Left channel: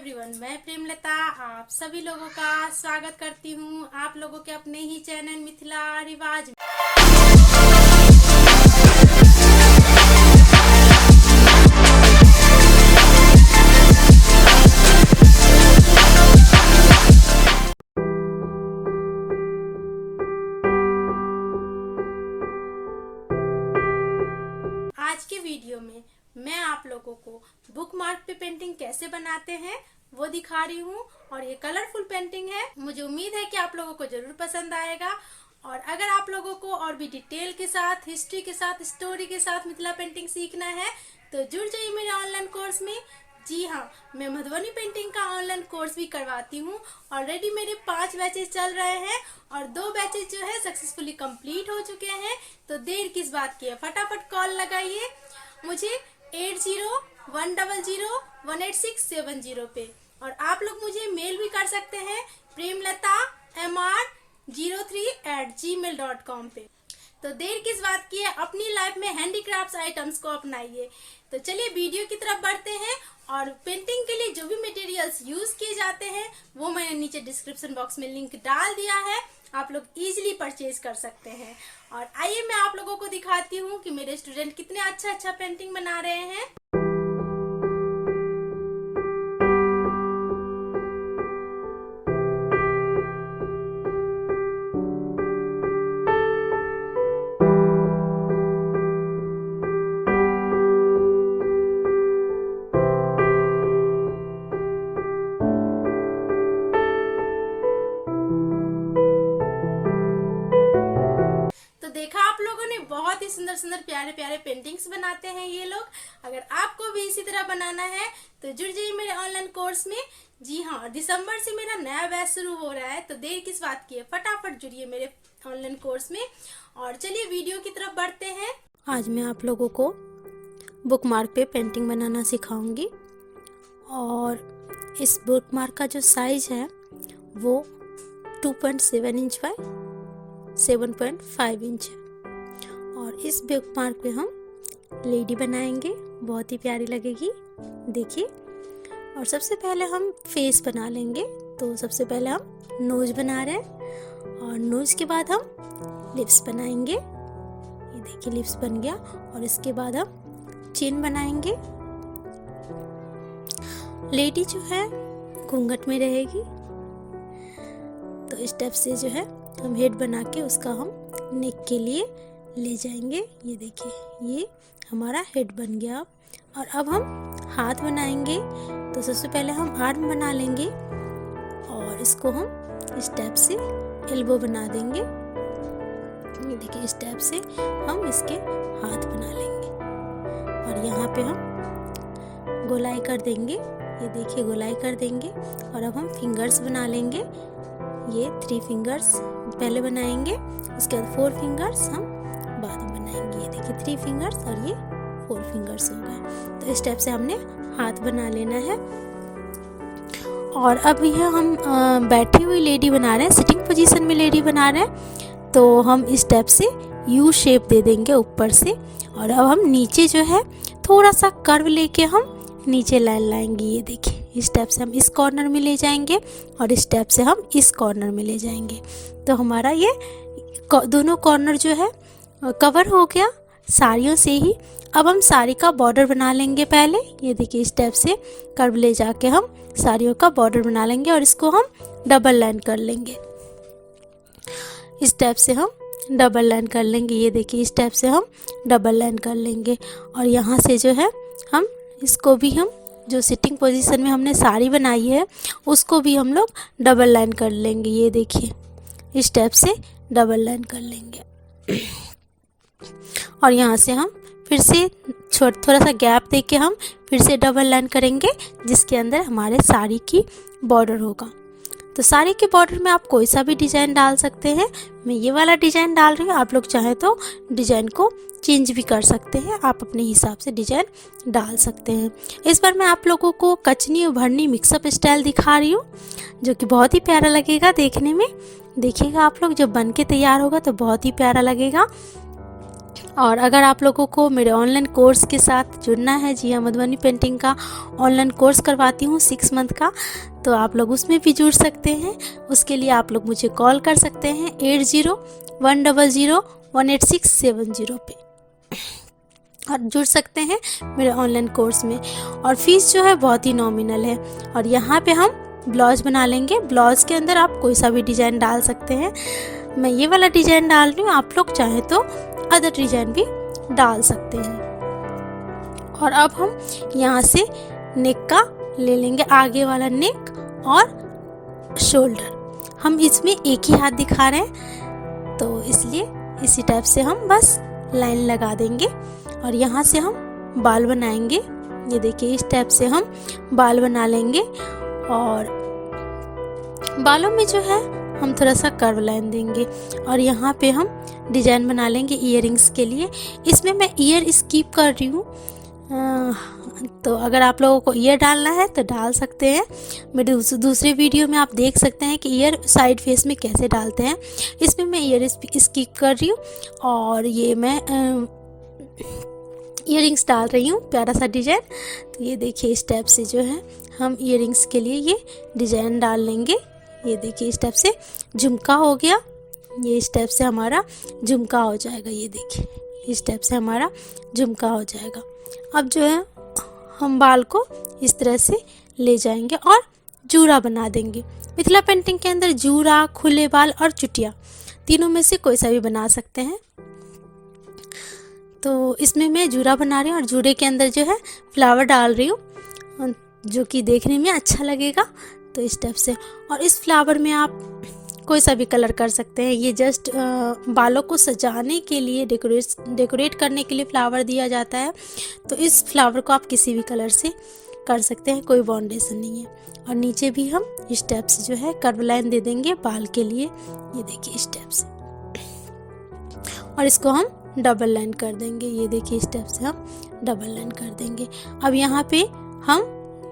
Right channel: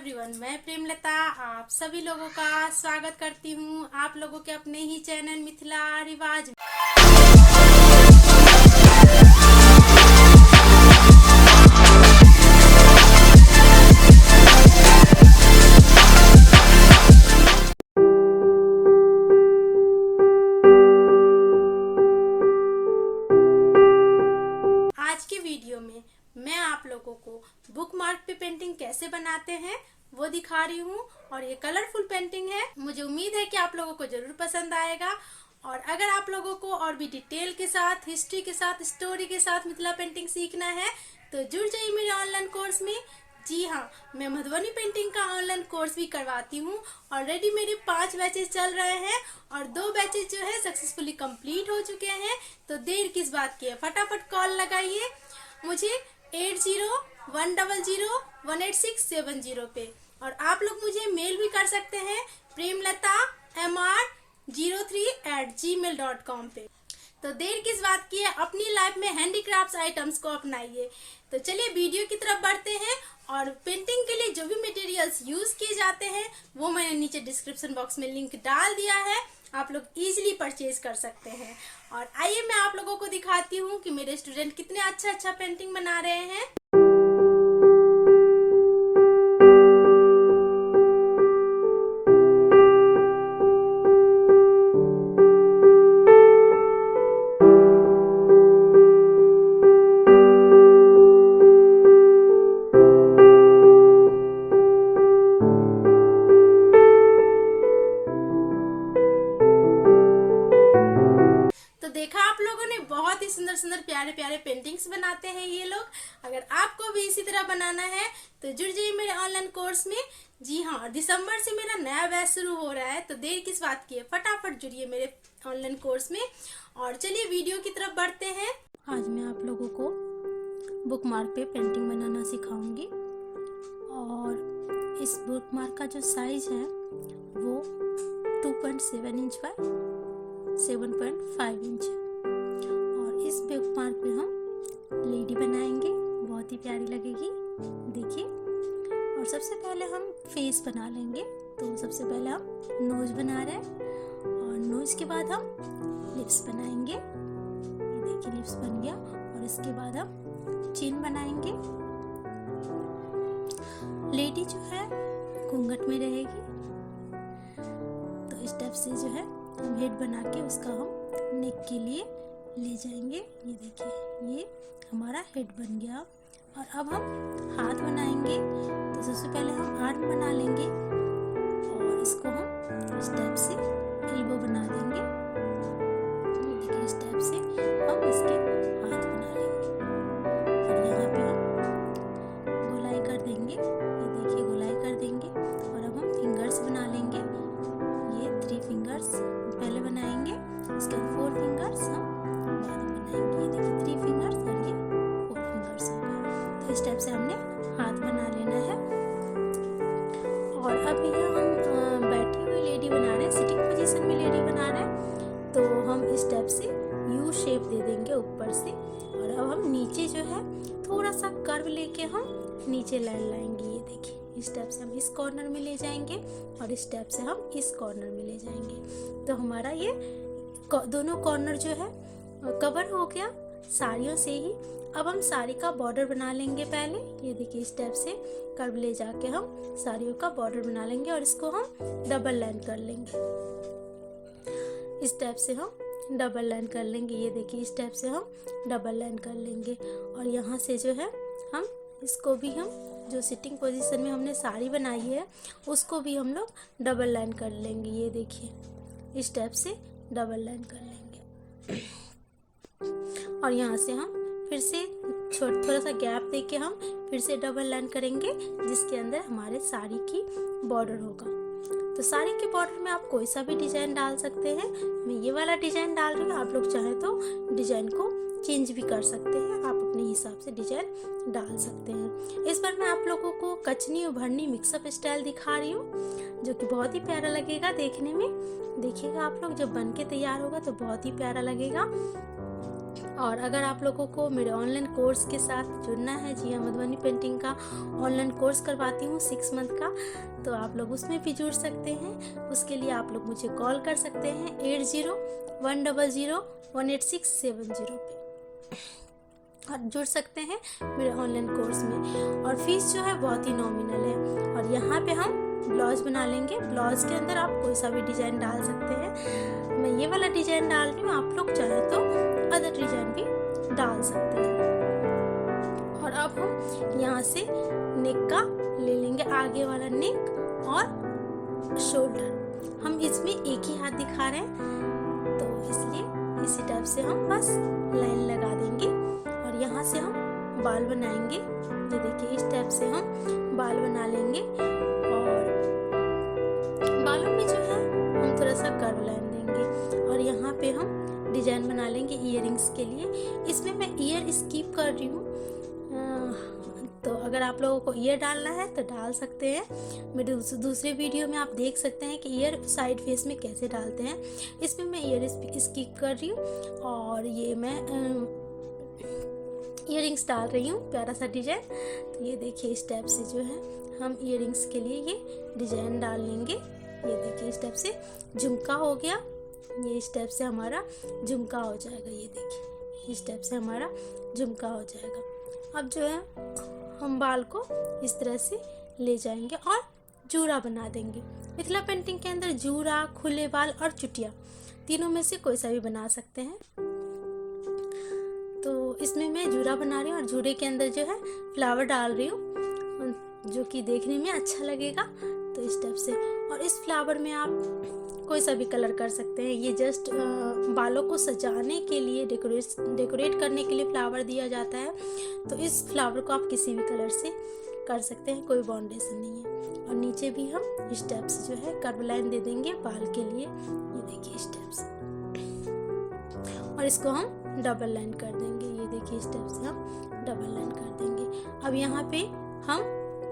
Everyone, मैं प्रेमलता आप सभी लोगों का स्वागत करती हूँ आप लोगों के अपने ही चैनल मिथिला रिवाज में। आज के वीडियो में मैं आप लोगों को बुक मार्क पे पेंटिंग कैसे बनाते हैं वो दिखा रही हूँ और ये कलरफुल पेंटिंग है। मुझे उम्मीद है कि आप लोगों को जरूर पसंद आएगा। और अगर आप लोगों को और भी डिटेल के साथ, हिस्ट्री के साथ, स्टोरी के साथ मिथिला पेंटिंग सीखना है तो जुड़ जाइए मेरे ऑनलाइन कोर्स में। जी हाँ, मैं मधुबनी पेंटिंग का ऑनलाइन कोर्स भी करवाती हूँ। ऑलरेडी मेरे 5 बैचेस चल रहे हैं और 2 बैचेस जो है सक्सेसफुली कंप्लीट हो चुके हैं। तो देर किस बात की है, फटाफट कॉल लगाइए मुझे 8010018670 पे। और आप लोग मुझे मेल भी कर सकते हैं premlata03@gmail.com पे। तो देर किस बात की है, अपनी लाइफ में हैंडीक्राफ्ट्स आइटम्स को अपनाइए। तो चलिए वीडियो की तरफ बढ़ते हैं। और पेंटिंग के लिए जो भी मटेरियल्स यूज किए जाते हैं वो मैंने नीचे डिस्क्रिप्शन बॉक्स में लिंक डाल दिया है, आप लोग इजीली परचेज कर सकते हैं। और आइए मैं आप लोगों को दिखाती हूँ कि मेरे स्टूडेंट कितने अच्छा पेंटिंग बना रहे हैं। देखा आप लोगों ने, बहुत ही सुंदर सुंदर प्यारे प्यारे पेंटिंग्स बनाते हैं ये लोग। अगर आपको भी इसी तरह बनाना है तो जुड़ जाइए मेरे ऑनलाइन कोर्स में। जी हाँ, दिसंबर से मेरा नया बैच शुरू हो रहा है। तो देर किस बात की है, फटाफट जुड़िए मेरे ऑनलाइन कोर्स में। और चलिए वीडियो की तरफ बढ़ते हैं। आज मैं आप लोगों को बुक मार्क पे पेंटिंग बनाना सिखाऊंगी। और इस बुक मार्क का जो साइज है वो 2.7 इंच बाय 7.5 इंच है। और इस बुक मार्क पे हम लेडी बनाएंगे, बहुत ही प्यारी लगेगी, देखिए। और सबसे पहले हम फेस बना लेंगे। तो सबसे पहले हम नोज बना रहे हैं और नोज के बाद हम लिप्स बनाएंगे। ये देखिए लिप्स बन गया। और इसके बाद हम चिन बनाएंगे। लेडी जो है घूंघट में रहेगी। तो इस टाइप से जो है हम हेड बना के उसका हम नेक के लिए ले जाएंगे। ये देखिए ये हमारा हेड बन गया। और अब हम हाथ बनाएंगे। तो सबसे पहले हम आर्म बना लेंगे और इसको हम इस टाइप से एल्बो बना देंगे। ये देखिए इस टाइप से हम इसके हाथ बना लेंगे। और यहाँ पे हम गोलाई कर देंगे। ये देखिए गोलाई कर देंगे। और अब हम फिंगर्स बना लेंगे। ये 3 फिंगर्स पहले बनाएंगे, उसके बाद 4 फिंगर्स हम बाद में बनाएंगे। ये देखिए 3 फिंगर्स और ये 4 फिंगर्स हो गए। तो इस टाइप से हमने हाथ बना लेना है। और अब यह हम बैठी हुई लेडी बना रहे हैं, सिटिंग पोजीशन में लेडी बना रहे हैं। तो हम इस टाइप से यू शेप दे देंगे ऊपर से। और अब हम नीचे जो है थोड़ा सा कर्व लेके हम नीचे लाइन लाएंगे। ये देखिए इस टाइप से हम इस कॉर्नर में ले जाएंगे और इस टाइप से हम इस कॉर्नर में ले जाएंगे। तो हमारा ये दोनों कॉर्नर जो है कवर हो गया साड़ियों से ही। अब हम साड़ी का बॉर्डर बना लेंगे पहले। ये देखिए इस टाइप से कर्व ले जाके हम साड़ियों का बॉर्डर बना लेंगे और इसको हम डबल लाइन कर लेंगे। इस टाइप से हम डबल लाइन कर लेंगे। ये देखिए इस टाइप से हम डबल लाइन कर लेंगे। और यहाँ से जो है हम इसको भी हम जो सिटिंग पोजीशन में हमने साड़ी बनाई है उसको भी हम लोग डबल लाइन कर लेंगे। ये देखिए इस टाइप से डबल लाइन कर लेंगे। और यहाँ से हम फिर से थोड़ा सा गैप देके हम फिर से डबल लाइन करेंगे जिसके अंदर हमारे साड़ी की बॉर्डर होगा। तो साड़ी के बॉर्डर में आप कोई सा भी डिज़ाइन डाल सकते हैं। मैं ये वाला डिज़ाइन डाल रही हूँ, आप लोग चाहें तो डिज़ाइन को चेंज भी कर सकते हैं, आप अपने हिसाब से डिज़ाइन डाल सकते हैं। इस बार मैं आप लोगों को कचनी उभरनी मिक्सअप स्टाइल दिखा रही हूँ जो कि बहुत ही प्यारा लगेगा देखने में। देखिएगा आप लोग, जब बन के तैयार होगा तो बहुत ही प्यारा लगेगा। और अगर आप लोगों को मेरे ऑनलाइन कोर्स के साथ जुड़ना है, जी हाँ, मधुबनी पेंटिंग का ऑनलाइन कोर्स करवाती हूँ 6 मंथ का, तो आप लोग उसमें भी जुड़ सकते हैं। उसके लिए आप लोग मुझे कॉल कर सकते हैं 80-100-18670 पे और जुड़ सकते हैं मेरे ऑनलाइन कोर्स में। और फीस जो है बहुत ही नॉमिनल है। और यहाँ पे हम ब्लाउज बना लेंगे। ब्लाउज के अंदर आप कोई सा भी डिज़ाइन डाल सकते हैं। मैं ये वाला डिज़ाइन डाल रही हूँ, आप लोग चाहें तो अदर डिज़ाइन भी डाल सकते हैं। और अब हम यहाँ से नेक का ले लेंगे, आगे वाला नेक और शोल्डर। हम इसमें एक ही हाथ दिखा रहे हैं, तो इसलिए इसी टाइप से हम बस लाइन लगा देंगे। और यहाँ से हम बाल बनाएंगे। ये देखिए, इस टाइप से हम बाल बना लेंगे। और बालों में जो है हम थोड़ा सा कर्व लाइन देंगे। और यहाँ पे हम डिजाइन बना लेंगे इयररिंग्स के लिए। इसमें मैं ईयर स्किप कर रही हूँ, तो अगर आप लोगों को ईयर डालना है तो डाल सकते हैं। मेरे दूसरे वीडियो में आप देख सकते हैं कि ईयर साइड फेस में कैसे डालते हैं। इसमें मैं ईयर स्किप कर रही हूँ और ये मैं इयररिंग्स डाल रही हूँ, प्यारा सा डिजाइन। तो ये देखिए, इस टाइप से जो है हम इयररिंग्स के लिए ये डिजाइन डाल लेंगे। ये देखिए, इस टाइप से झुमका हो गया। ये इस टाइप से हमारा झुमका हो जाएगा। ये देखिए, इस टाइप से हमारा झुमका हो जाएगा। अब जो है हम बाल को इस तरह से ले जाएंगे और जूड़ा बना देंगे। मिथिला पेंटिंग के अंदर जूड़ा, खुले बाल और चुटिया तीनों में से कोई सा भी बना सकते हैं। तो इसमें मैं जूड़ा बना रही हूँ और जूड़े के अंदर जो है फ्लावर डाल रही हूँ, जो कि देखने में अच्छा लगेगा। तो इस टाइप से, और इस फ्लावर में आप कोई सा भी कलर कर सकते हैं। ये जस्ट बालों को सजाने के लिए, डेकोरेट करने के लिए फ्लावर दिया जाता है। तो इस फ्लावर को आप किसी भी कलर से कर सकते हैं, कोई बाउंडेशन नहीं है। और नीचे भी हम इस टाइप से जो है कर्व लाइन दे देंगे बाल के लिए। ये देखिए, इस टाइप से, और इसको हम डबल लाइन कर देंगे। ये देखिए, इस टाइप से हम डबल लाइन कर देंगे। अब यहाँ पे हम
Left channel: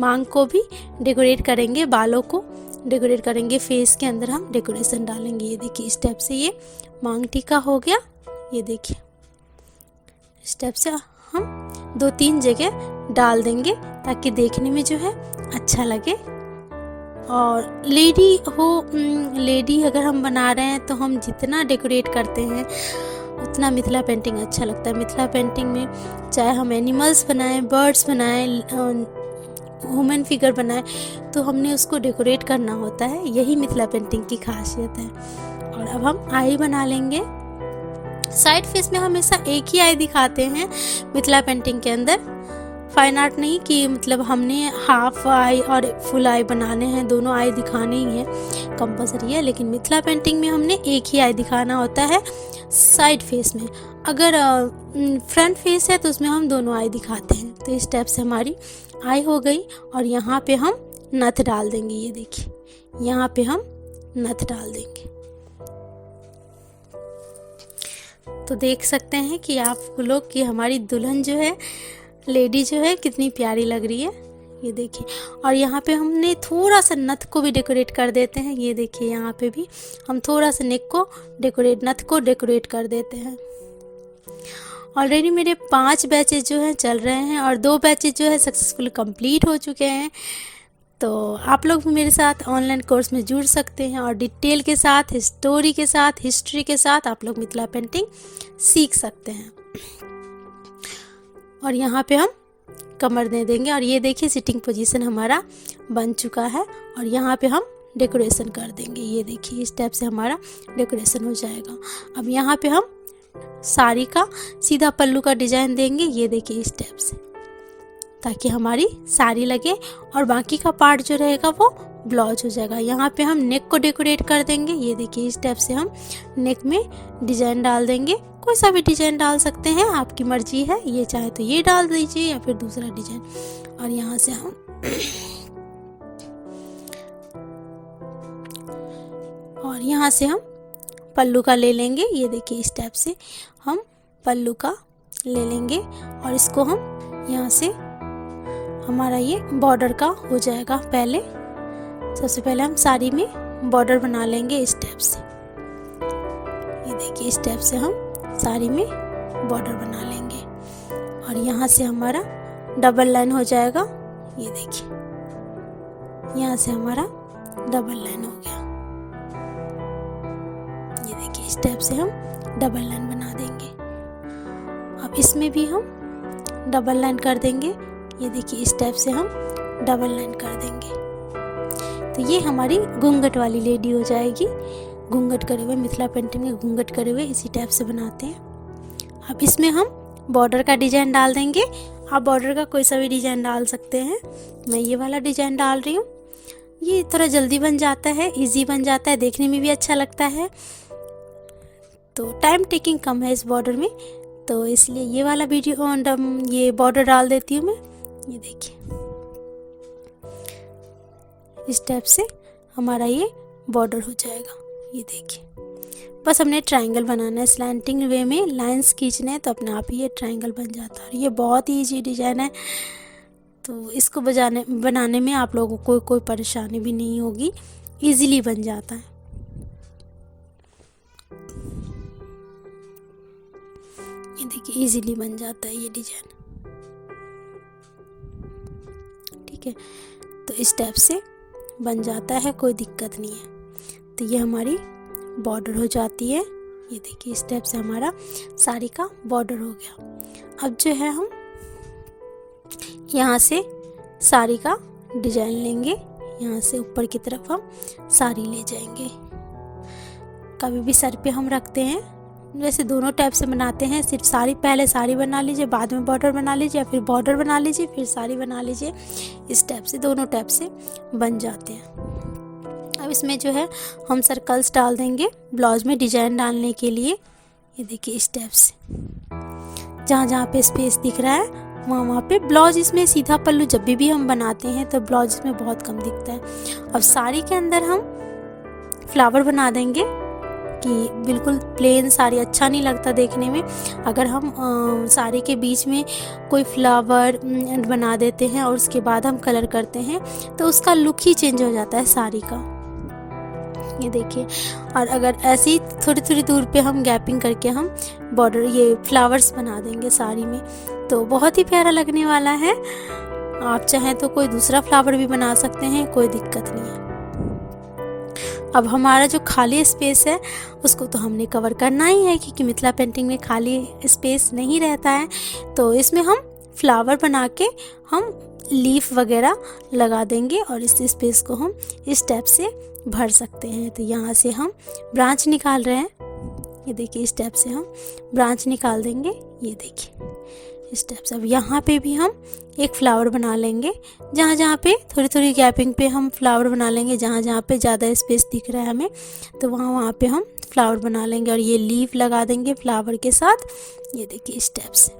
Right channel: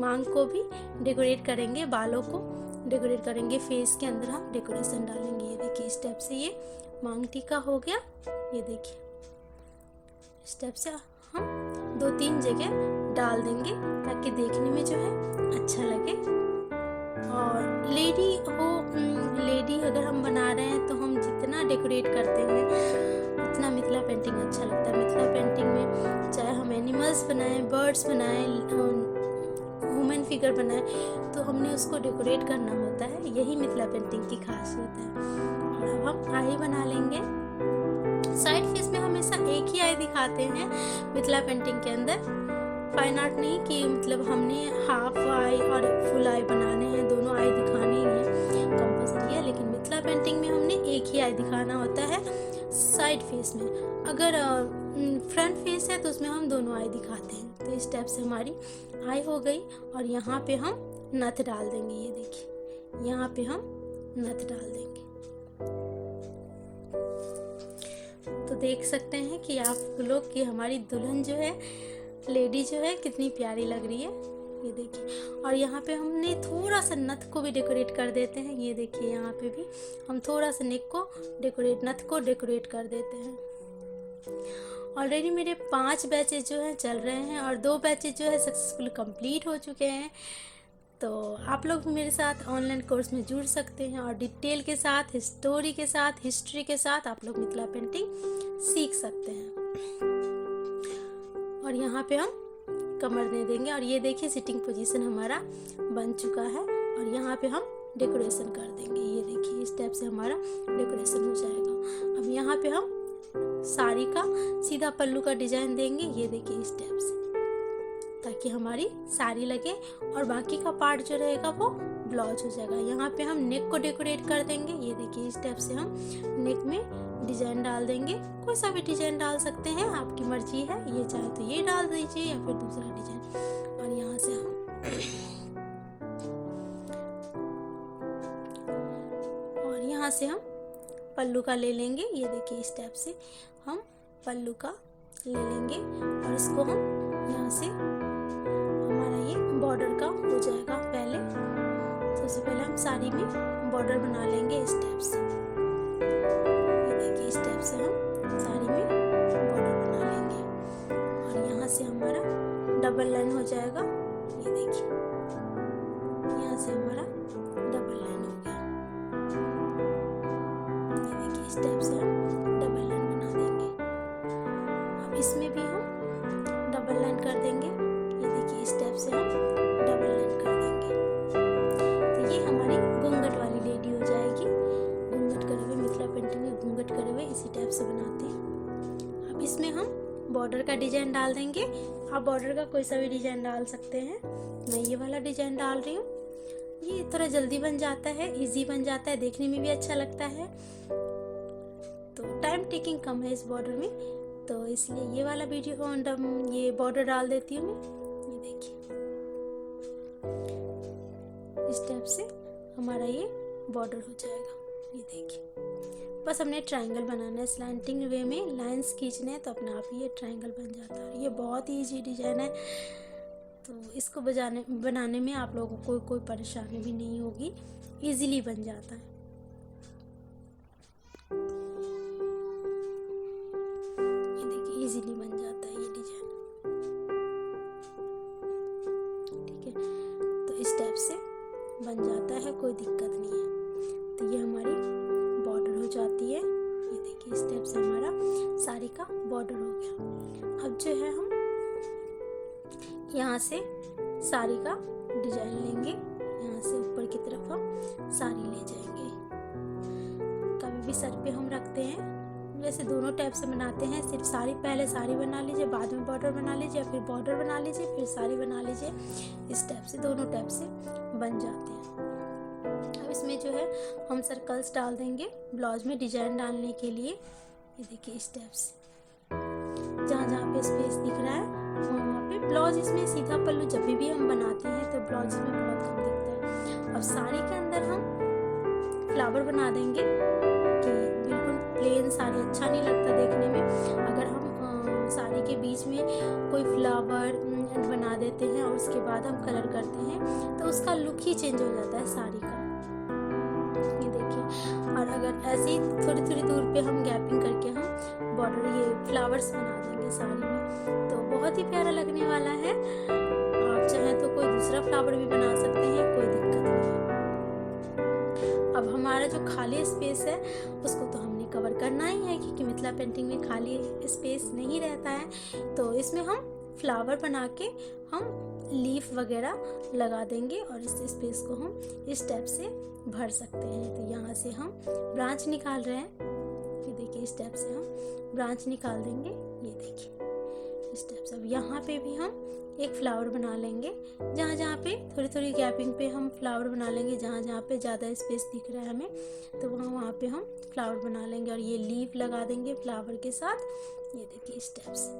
मांग को भी डेकोरेट करेंगे, बालों को डेकोरेट करेंगे। फेस के अंदर हम डेकोरेशन डालेंगे। ये देखिए, इस टाइप से ये मांग टीका हो गया। ये देखिए, इस टाइप से हम 2-3 जगह डाल देंगे ताकि देखने में जो है अच्छा लगे। और लेडी अगर हम बना रहे हैं तो हम जितना डेकोरेट करते हैं उतना मिथिला पेंटिंग अच्छा लगता है। मिथिला पेंटिंग में चाहे हम एनिमल्स बनाएं, बर्ड्स बनाएं, ह्यूमन फिगर बनाएं, तो हमने उसको डेकोरेट करना होता है। यही मिथिला पेंटिंग की खासियत है। और अब हम आई बना लेंगे। साइड फेस में हमेशा एक ही आई दिखाते हैं मिथिला पेंटिंग के अंदर। फाइन आर्ट नहीं कि मतलब हमने हाफ आई और फुल आई बनाने हैं, दोनों आई दिखाने ही है, कंपलसरी है। लेकिन मिथिला पेंटिंग में हमने एक ही आई दिखाना होता है साइड फेस में। अगर फ्रंट फेस है तो उसमें हम दोनों आई दिखाते हैं। तो इस टाइप से हमारी आई हो गई। और यहाँ पे हम नथ डाल देंगे। ये देखिए, यहाँ पे हम नथ डाल देंगे। तो देख सकते हैं कि आप लोग कि हमारी दुल्हन जो है, लेडी जो है, कितनी प्यारी लग रही है। ये देखिए, और यहाँ पे हमने थोड़ा सा नथ को भी डेकोरेट कर देते हैं। ये देखिए, यहाँ पे भी हम थोड़ा सा नेक को नथ को डेकोरेट कर देते हैं। ऑलरेडी मेरे 5 बैचेज जो हैं चल रहे हैं और 2 बैचेज जो है सक्सेसफुल कंप्लीट हो चुके हैं। तो आप लोग मेरे साथ ऑनलाइन कोर्स में जुड़ सकते हैं और डिटेल के साथ, स्टोरी के साथ, हिस्ट्री के साथ आप लोग मिथिला पेंटिंग सीख सकते हैं। और यहाँ पे हम कमर दे देंगे। और ये देखिए, सिटिंग पोजीशन हमारा बन चुका है। और यहाँ पे हम डेकोरेशन कर देंगे। ये देखिए, इस टाइप से हमारा डेकोरेशन हो जाएगा। अब यहाँ पे हम साड़ी का सीधा पल्लू का डिजाइन देंगे। ये देखिए, इस टाइप से, ताकि हमारी साड़ी लगे। और बाकी का पार्ट जो रहेगा वो ब्लाउज हो जाएगा। यहाँ पे हम नेक को डेकोरेट कर देंगे। ये देखिए, इस टाइप से हम नेक में डिजाइन डाल देंगे। कोई सा भी डिजाइन डाल सकते हैं, आपकी मर्जी है। ये चाहे तो ये डाल दीजिए या फिर दूसरा डिजाइन। और यहाँ से हम पल्लू का ले लेंगे। ये देखिए, इस टाइप से हम पल्लू का ले लेंगे। और इसको हम यहाँ से, हमारा ये बॉर्डर का हो जाएगा। सबसे पहले हम साड़ी में बॉर्डर बना लेंगे इस टाइप से। ये देखिए, इस टाइप से हम साड़ी में बॉर्डर बना लेंगे। और यहाँ से हमारा डबल लाइन हो जाएगा। ये देखिए, यहाँ से हमारा डबल लाइन हो गया। ये देखिए, इस टाइप से हम डबल लाइन बना देंगे। अब इसमें भी हम डबल लाइन कर देंगे। ये देखिए, इस टाइप से हम डबल लाइन कर देंगे। तो ये हमारी घूंघट वाली लेडी हो जाएगी। घूंघट करे हुए, मिथिला पेंटिंग में घूंघट करे हुए इसी टाइप से बनाते हैं। अब इसमें हम बॉर्डर का डिजाइन डाल देंगे। आप बॉर्डर का कोई सा भी डिजाइन डाल सकते हैं। मैं ये वाला डिजाइन डाल रही हूँ। ये थोड़ा जल्दी बन जाता है, इजी बन जाता है, देखने में भी अच्छा लगता है। तो टाइम टेकिंग कम है इस बॉर्डर में, तो इसलिए ये वाला वीडियो ये बॉर्डर डाल देती हूँ मैं। ये देखिए, इस टाइप से हमारा ये बॉर्डर हो जाएगा। ये देखिए, बस हमने ट्रायंगल बनाना है, स्लैंटिंग वे में लाइंस खींचने हैं, तो अपने आप ही ये ट्रायंगल बन जाता है। और ये बहुत ही ईजी डिजाइन है, तो इसको बनाने में आप लोगों को कोई परेशानी भी नहीं होगी, इजीली बन जाता है। ये देखिए, इजीली बन जाता है ये डिजाइन। ठीक है, तो इस टाइप से बन जाता है, कोई दिक्कत नहीं है। तो ये हमारी बॉर्डर हो जाती है। ये देखिए, इस टाइप से हमारा साड़ी का बॉर्डर हो गया। अब जो है हम यहाँ से साड़ी का डिजाइन लेंगे, यहाँ से ऊपर की तरफ हम साड़ी ले जाएंगे। कभी भी सर पे हम रखते हैं, वैसे दोनों टाइप से बनाते हैं। सिर्फ साड़ी, पहले साड़ी बना लीजिए, बाद में बॉर्डर बना लीजिए, या फिर बॉर्डर बना लीजिए फिर साड़ी बना लीजिए। इस टाइप से दोनों टाइप से बन जाते हैं। अब इसमें जो है हम सर्कल्स डाल देंगे ब्लाउज में डिजाइन डालने के लिए। ये देखिए, इस टाइप से जहाँ जहाँ पे स्पेस दिख रहा है वहाँ वहाँ पे ब्लाउज, इसमें सीधा पल्लू जब भी हम बनाते हैं तो ब्लाउज इसमें बहुत कम दिखता है। अब साड़ी के अंदर हम फ्लावर बना देंगे कि बिल्कुल प्लेन साड़ी अच्छा नहीं लगता देखने में। अगर हम साड़ी के बीच में कोई फ्लावर बना देते हैं और उसके बाद हम कलर करते हैं तो उसका लुक ही चेंज हो जाता है साड़ी का। ये देखिए, और अगर ऐसी थोड़ी थोड़ी दूर पे हम गैपिंग करके हम बॉर्डर, ये फ्लावर्स बना देंगे साड़ी में, तो बहुत ही प्यारा लगने वाला है। आप चाहें तो कोई दूसरा फ्लावर भी बना सकते हैं, कोई दिक्कत नहीं है। अब हमारा जो खाली स्पेस है उसको तो हमने कवर करना ही है, क्योंकि मिथिला पेंटिंग में खाली स्पेस नहीं रहता है। तो इसमें हम फ्लावर बना के हम लीफ वगैरह लगा देंगे और इस स्पेस को हम इस टाइप से भर सकते हैं। तो यहाँ से हम ब्रांच निकाल रहे हैं। ये देखिए, इस टाइप से हम ब्रांच निकाल देंगे। ये देखिए, इस टाइप से। अब यहाँ पे भी हम एक फ्लावर बना लेंगे। जहाँ जहाँ पे थोड़ी थोड़ी गैपिंग पे हम फ्लावर बना लेंगे, जहाँ जहाँ पे ज़्यादा स्पेस दिख रहा है हमें, तो वहाँ वहाँ पे हम फ्लावर बना लेंगे और ये लीफ लगा देंगे फ्लावर के साथ। ये देखिए, इस टाइप से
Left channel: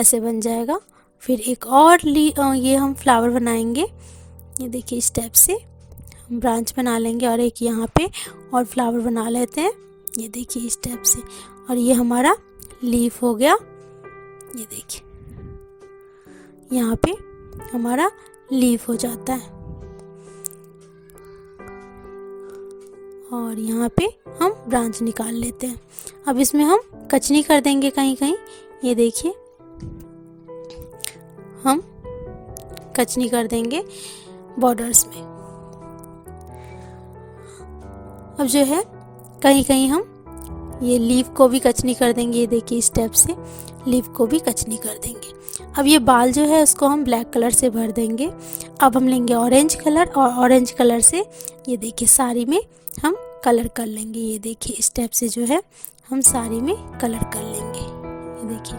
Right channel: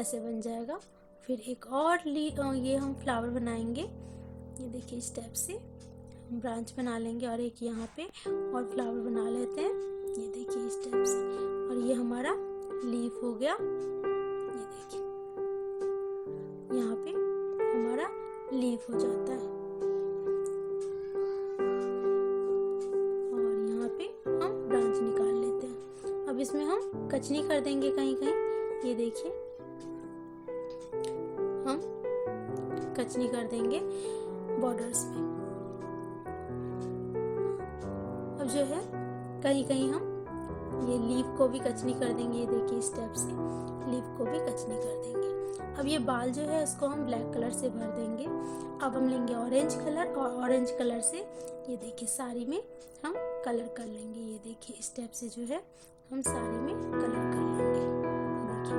ऐसे बन जाएगा। फिर एक और ये हम फ्लावर बनाएंगे। ये देखिए, इस टाइप से हम ब्रांच बना लेंगे और एक यहाँ पे और फ्लावर बना लेते हैं। ये देखिए, इस टाइप से, और ये हमारा लीफ हो गया। ये देखिए, यहाँ पे हमारा लीफ हो जाता है और यहाँ पे हम ब्रांच निकाल लेते हैं। अब इसमें हम कचनी कर देंगे कहीं कहीं। ये देखिए, हम कचनी कर देंगे बॉर्डर्स में। अब जो है कहीं कहीं हम ये लीफ को भी कचनी कर देंगे। ये देखिए, इस टाइप से लीफ को भी कचनी कर देंगे। अब ये बाल जो है उसको हम ब्लैक कलर से भर देंगे। अब हम लेंगे ऑरेंज कलर और ऑरेंज कलर से ये देखिए साड़ी में हम कलर कर लेंगे। ये देखिए, इस टाइप से जो है हम साड़ी में कलर कर लेंगे। ये देखिए,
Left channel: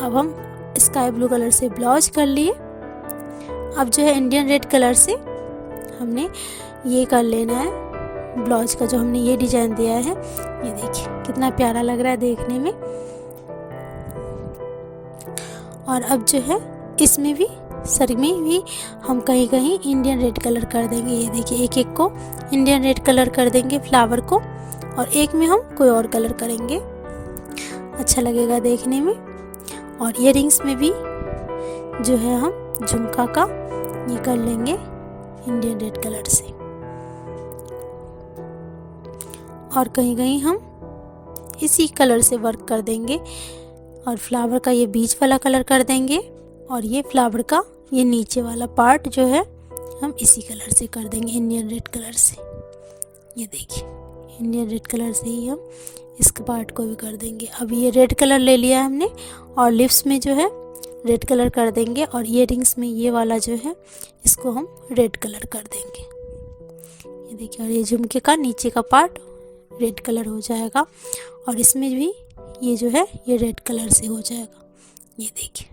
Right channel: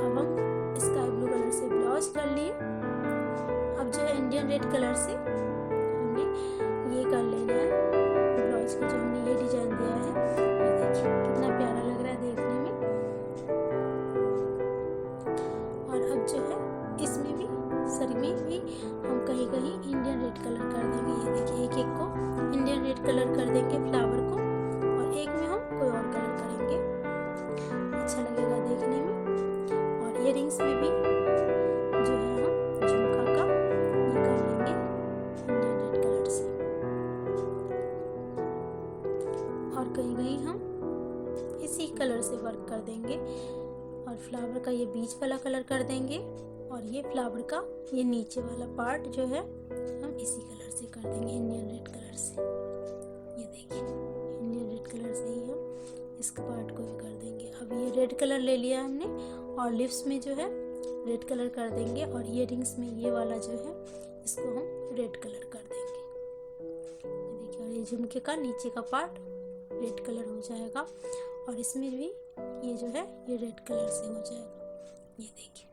अब हम स्काई ब्लू कलर से ब्लाउज कर लिए। अब जो है इंडियन रेड कलर से हमने ये कर लेना है ब्लाउज का, जो हमने ये डिजाइन दिया है। ये देखिए, कितना प्यारा लग रहा है देखने में। और अब जो है इसमें भी, सर में भी हम कहीं कहीं इंडियन रेड कलर कर देंगे। ये देखिए, एक एक को इंडियन रेड कलर कर देंगे फ्लावर को, और एक में हम कोई और कलर करेंगे, अच्छा लगेगा देखने में। और इयररिंग्स में भी जो है हम झुमका का ये कर लेंगे इंडियन रेड कलर से। और कहीं कहीं हम इसी कलर से वर्क कर देंगे। और फ्लावर का ये बीच वाला कलर कर देंगे और ये फ्लावर का ये नीचे वाला पार्ट जो है हम इसी कलर से कर देंगे, इंडियन रेड कलर से। ये देखिए इंडियन रेड कलर से ही हम इसके पार्ट को भी कर देंगे। अब ये रेड कलर ले लिया है हमने और लिप्स में जो है रेड कलर कर देंगे और ईयररिंग्स में ये वाला जो है इसको हम रेड कलर कर देंगे। ये देखिए, और ये झुमके का नीचे का पार्ट रेड कलर हो जाएगा और इसमें भी ये जो है ये रेड कलर से हो जाएगा। ये देखिए,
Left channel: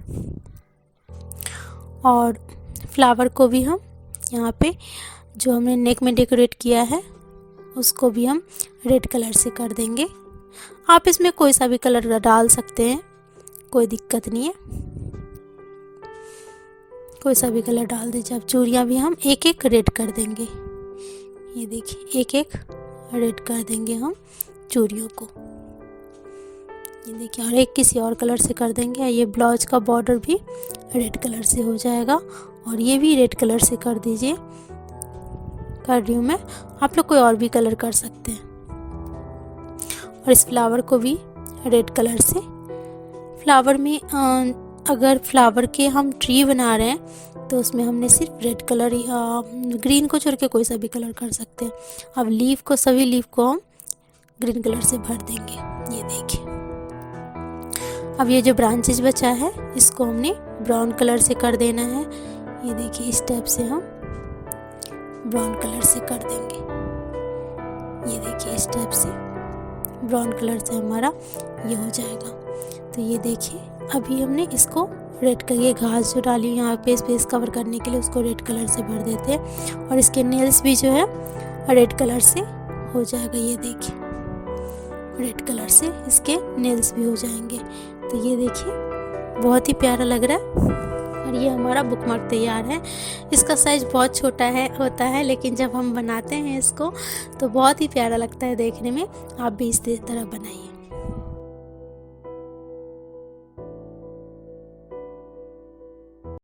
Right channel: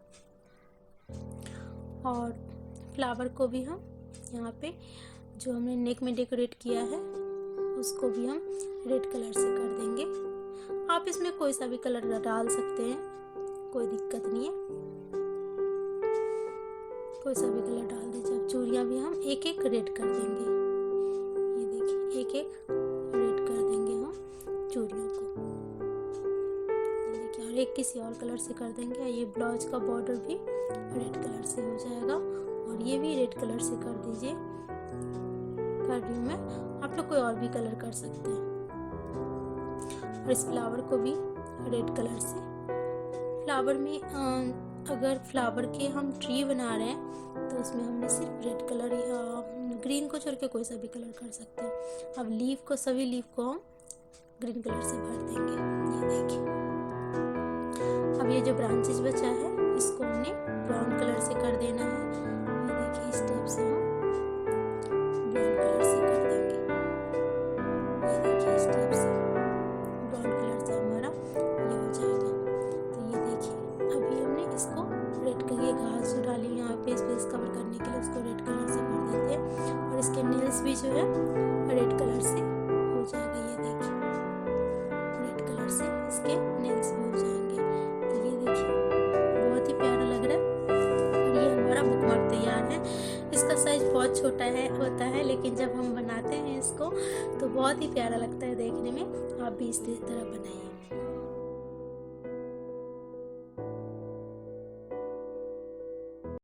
और फ्लावर को भी हम यहाँ पे जो हमने नेक में डेकोरेट किया है उसको भी हम रेड कलर से कर देंगे। आप इसमें कोई सा भी कलर डाल सकते हैं, कोई दिक्कत नहीं है, कोई सा भी कलर डाल दीजिए। अब चूड़ियाँ भी हम एक एक रेड कर देंगे। ये देखिए एक एक रेड कर देंगे हम चूड़ियों को। ये देखिए, और एक किसी और कलर से कर देंगे। ये ब्लाउज का बॉर्डर भी रेड कलर से हो जाएगा और ये भी रेड कलर से कर दीजिए। कर रही हूँ मैं, आप लोग कोई और भी कलर कर सकते हैं। और इस फ्लावर को भी रेड कलर से, फ्लावर में अगर फ्लावर के हम ट्री बना रहे हैं तो उसमें हमने सिर्फ रेड कलर या ग्रीन को छोड़ के कोई सा भी कलर कर सकते हैं। अब लीफ को, सभी लीफ को हम ग्रीन कलर से भर देंगे। ये देखिए, अब ये जो ब्रांचेज बचा है इसको हमने ब्राउन कलर से कर देना है। ये देखिए इस टाइप से हम ब्राउन कलर से कर देंगे। ये देखिए इस टाइप से ब्राउन कलर से हमारा ये हो जाएगा। तो ये देखिए, अभी हमने इसको रेड कलर, ये घास जो डाली यहाँ पे स्पेस कवर करने के लिए उसको रेड कलर से भर देते हैं और इसके नेल्स भी जो है रेड कलर से हो जाएगा। ये देखिए रेड कलर से इसके नेल्स भी हो जाएंगे। तो ये देखिए बहुत ही प्यारा लग रहा है और ये हमारा बुकमार्क तैयार है। इसका साइज़ बहुत छोटा होता है लेकिन जब हम बनाते हैं इसको तो बहुत ही प्यारा लगता है देखने में। आप भी इस तरह बनाइए।